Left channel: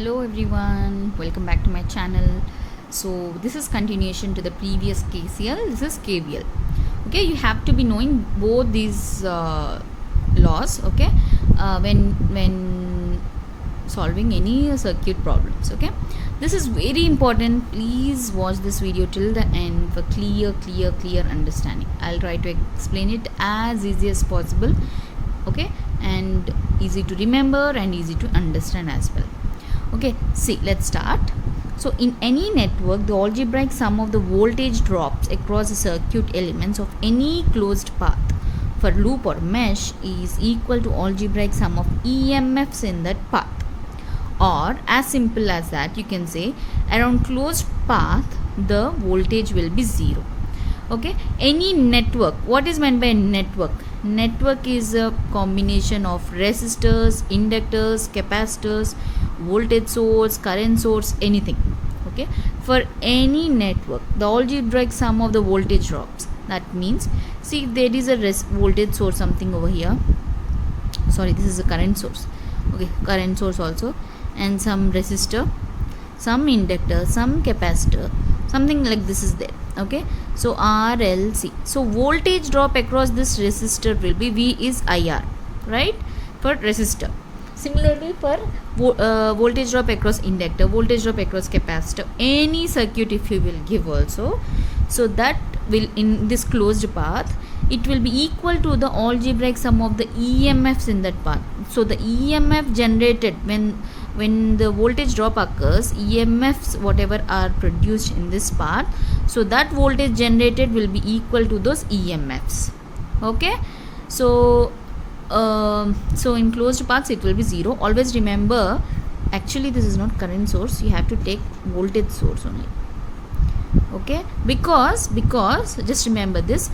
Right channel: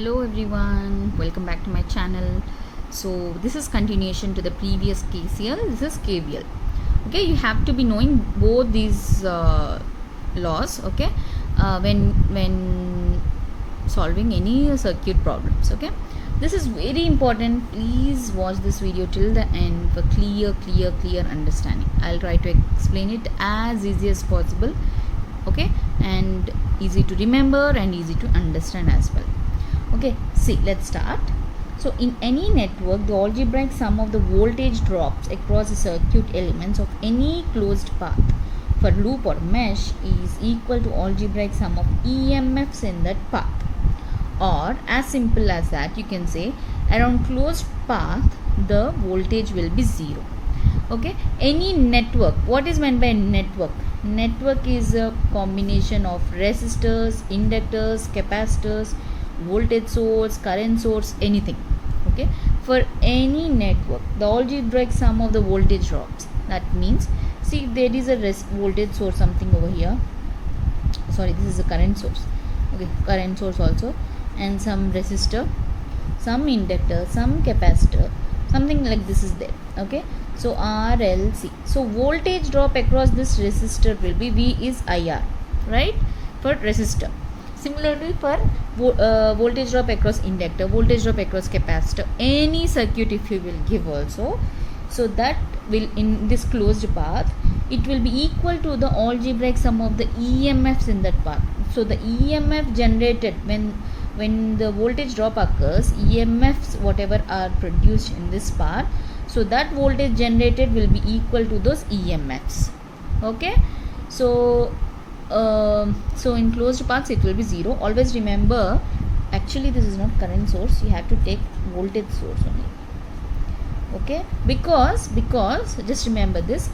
Hello everyone, welcome back to my channel. So this is continuation to the previous KCL. This is KVL. Okay, you have to be knowing both these laws. Okay, when solving any circuit problems. Okay, this is very important. Please watch this video till the end for clear understanding. I'll try to explain it as easy as possible. Okay, and easy to remember and easy to understand as well. Okay, see, let's start. So in any network, the algebraic sum of the voltage drops across the circuit elements of any closed path for loop or mesh is equal to algebraic sum of EMFs in that path. Or as simple as that, you can say around closed path the voltage will be zero. Okay, any network, what is meant by network? Network is a combination of resistors, inductors, capacitors, voltage source, current source, anything. Okay, for any network the algebraic sum of the voltage drops. That means, see, if there is a voltage source something over here, sorry, this is a current source. Okay, current source also, and some resistor, some inductor, some capacitor, something like this is there. Okay, so RLC, so voltage drop across this resistor will be V is IR, right, for resistor. Similarly for voltage drop across inductor, voltage drop across capacitor, any circuit if you will give also, so that will, in this closed path, it will be equal to the algebraic sum of the EMFs in that path. So the EMF generated when the voltage drop occurs, EMFs whatever are produced in this path, so that voltage generated will be equal to those EMFs. Okay, so in closed paths it will be zero. Always remember, actually this is not current source, you have to take voltage source only. Okay, because just remember this,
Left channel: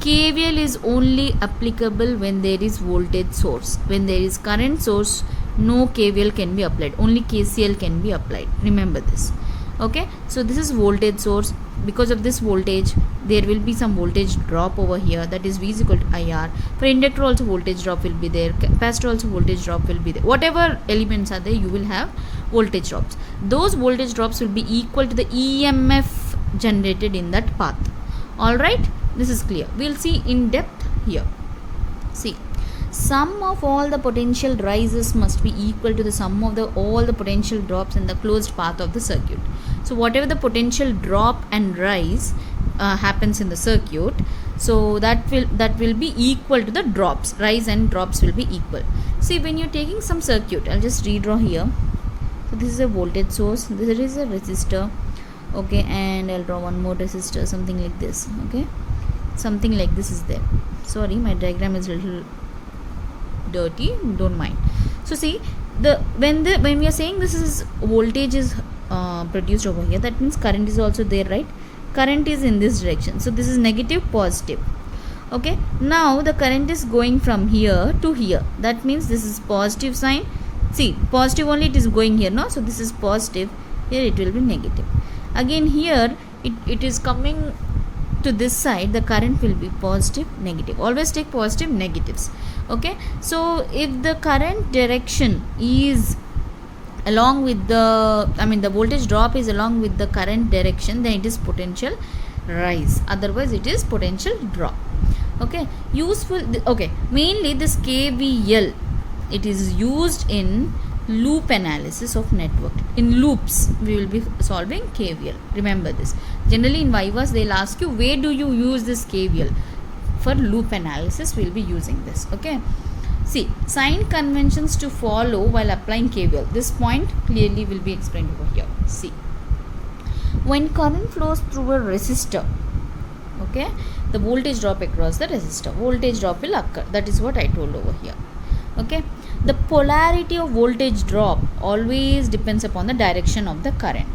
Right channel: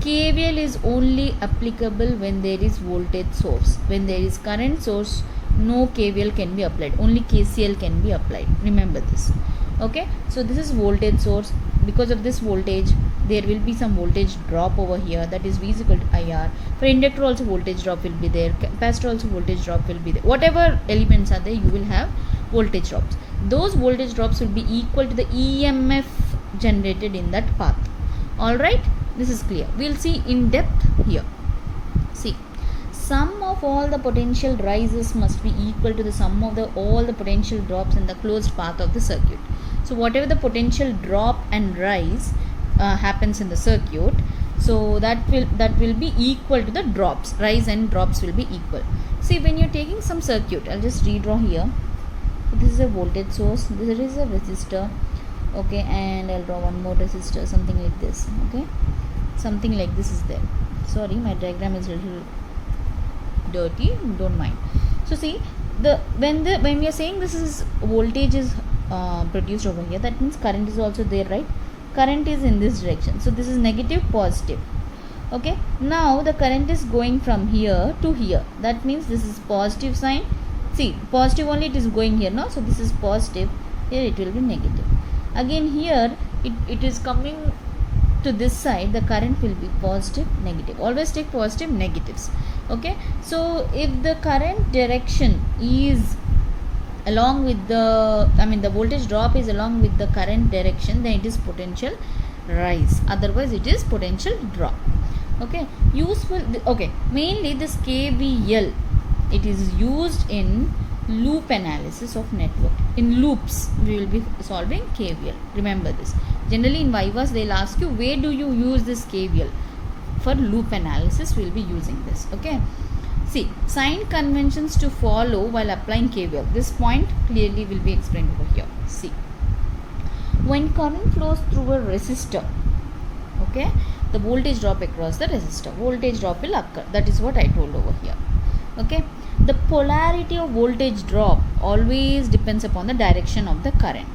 KVL is only applicable when there is voltage source. When there is current source, no KVL can be applied, only KCL can be applied. Remember this. Okay, so this is voltage source. Because of this voltage, there will be some voltage drop over here, that is V is equal to IR. For inductor also voltage drop will be there, capacitor also voltage drop will be there. Whatever elements are there, you will have voltage drops. Those voltage drops will be equal to the EMF generated in that path. Alright, this is clear. We'll see in depth here. See, sum of all the potential rises must be equal to the sum of all the potential drops in the closed path of the circuit. So whatever the potential drop and rise happens in the circuit, so that will be equal to the drops. Rise and drops will be equal. See, when you're taking some circuit, I'll just redraw here. So this is a voltage source, this is a resistor. Okay, and I'll draw one more resistor, something like this. Okay, something like this is there. Sorry, my diagram is a little dirty, don't mind. So see, when we are saying this is voltage is produced over here, that means current is also there, right? Current is in this direction, so this is negative, positive. Okay, now the current is going from here to here, that means this is positive sign. See, positive only it is going here, no? So this is positive, here it will be negative. Again here it is coming to this side, the current will be positive, negative. Always take positive, negatives. Okay, so if the current direction is along with the, the voltage drop is along with the current direction, then it is potential rise, otherwise it is potential drop. Okay, useful. Okay, mainly this KVL, it is used in loop analysis of network. In loops we will be solving KVL. Remember this. Generally in Vivas they'll ask you, where do you use this KVL? For loop analysis we will be using this. Okay, see, sign conventions to follow while applying KVL. This point clearly will be explained over here. See, when current flows through a resistor, okay, the voltage drop across the resistor, voltage drop will occur. That is what I told over here. Okay, the polarity of voltage drop always depends upon the direction of the current.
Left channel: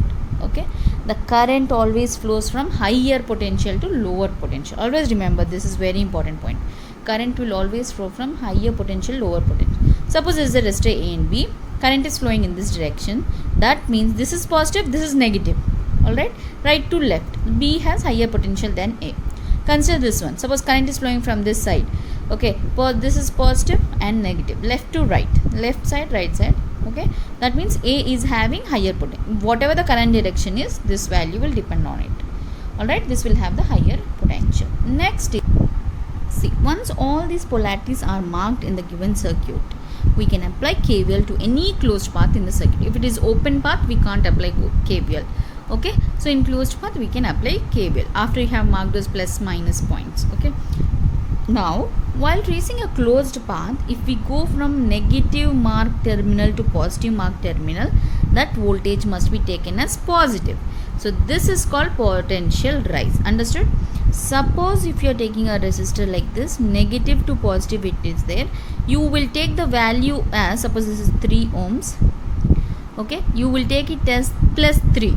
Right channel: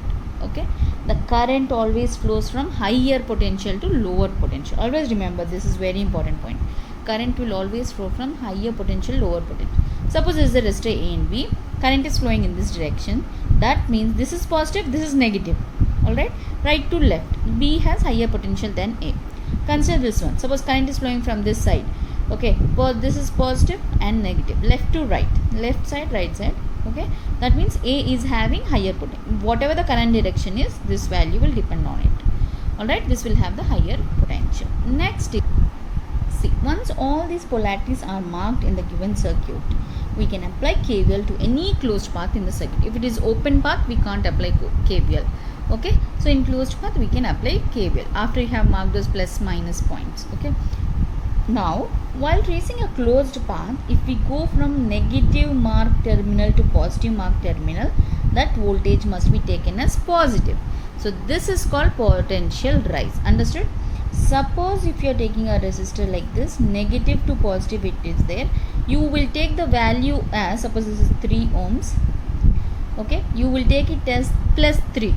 Okay, the current always flows from higher potential to lower potential. Always remember, this is very important point. Current will always flow from higher potential, lower potential. Suppose there is a resistor A and B, current is flowing in this direction, that means this is positive, this is negative. Alright, right to left, B has higher potential than A. Consider this one. Suppose current is flowing from this side. Okay, this is positive and negative, left to right, left side, right side, Okay, that means A is having higher potential. Whatever the current direction is, this value will depend on it. Alright, this will have the higher potential. Next is, see, once all these polarities are marked in the given circuit, we can apply KVL to any closed path in the circuit. If it is open path, we can't apply KVL. Okay, so in closed path, we can apply KVL after you have marked those plus minus points. Okay, now while tracing a closed path, if we go from negative marked terminal to positive marked terminal, that voltage must be taken as positive. So this is called potential rise. Understood? Suppose if you are taking a resistor like this, negative to positive it is there, you will take the value as, suppose this is 3 ohms. Okay, you will take it as plus 3.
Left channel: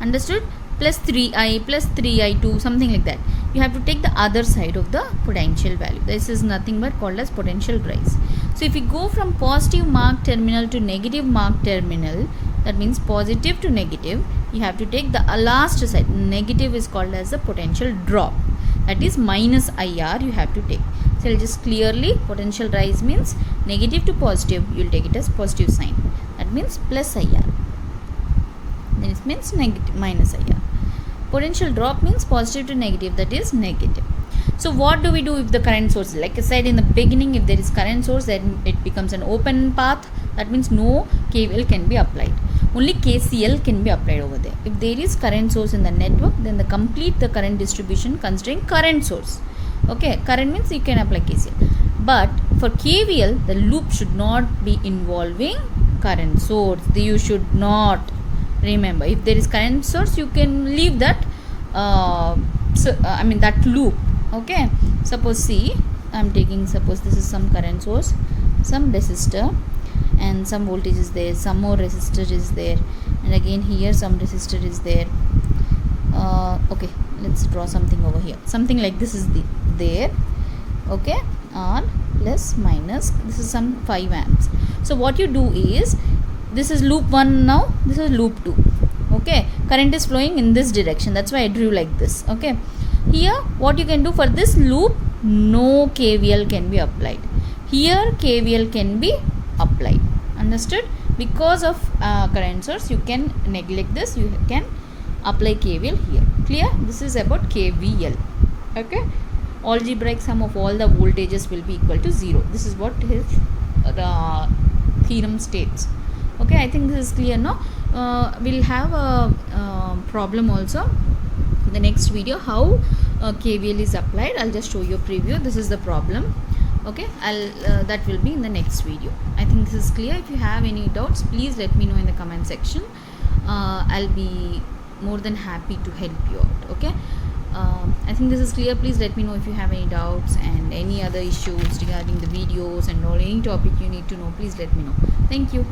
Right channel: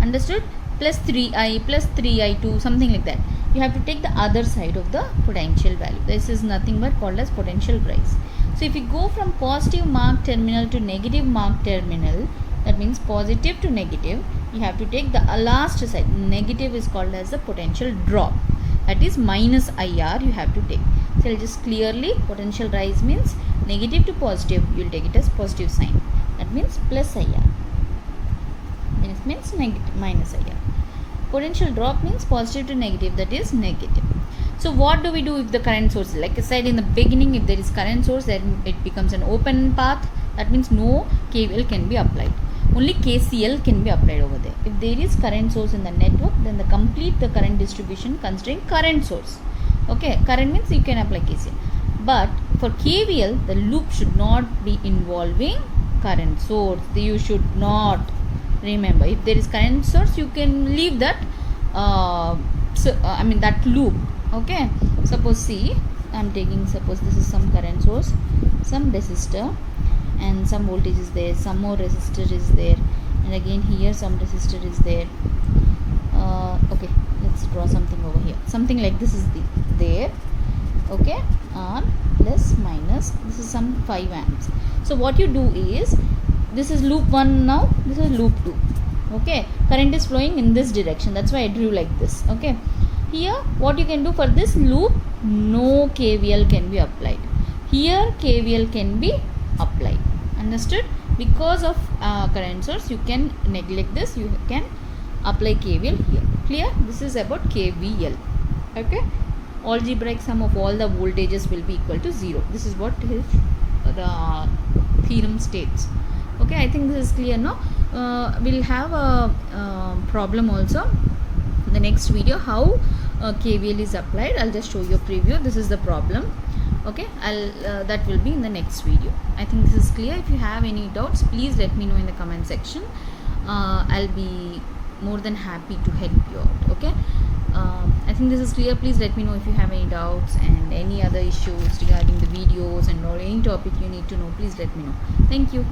Understood? Plus 3i plus 3i2, something like that. You have to take the other side of the potential value. This is nothing but called as potential rise. So if you go from positive marked terminal to negative marked terminal, that means positive to negative, you have to take the last side. Negative is called as the potential drop. That is minus IR you have to take. So I'll just clearly, potential rise means negative to positive, you will take it as positive sign. That means plus IR. This means negative minus IR. Potential drop means positive to negative, that is negative. So what do we do if the current source, like I said in the beginning, if there is current source, then it becomes an open path. That means no KVL can be applied. Only KCL can be applied over there. If there is current source in the network, then complete the current distribution considering current source. Okay, current means you can apply KCL. But for KVL, the loop should not be involving current source. You should not. Remember, if there is current source, you can leave that that loop. Okay, suppose see, I am taking, suppose this is some current source, some resistor, and some voltage is there, some more resistor is there, and again here some resistor is there. Okay, let's draw something over here, something like this is there. Okay, R plus minus, this is some 5 amps. So what you do is, this is loop 1 now, this is loop 2. Okay, current is flowing in this direction, that's why I drew like this. Okay, here what you can do, for this loop no KVL can be applied, here KVL can be applied. Understood? Because of current source, you can neglect this, you can apply KVL here. Clear? This is about KVL. Okay, algebraic sum of all the voltages will be equal to 0. This is what his theorem states. Okay, I think this is clear now. We'll have a problem also in the next video, how KVL is applied. I'll just show you a preview. This is the problem. Okay, that will be in the next video. I think this is clear. If you have any doubts, please let me know in the comment section. I'll be more than happy to help you out. Okay, I think this is clear. Please let me know if you have any doubts and any other issues regarding the videos and or any topic you need to know. Please let me know. Thank you.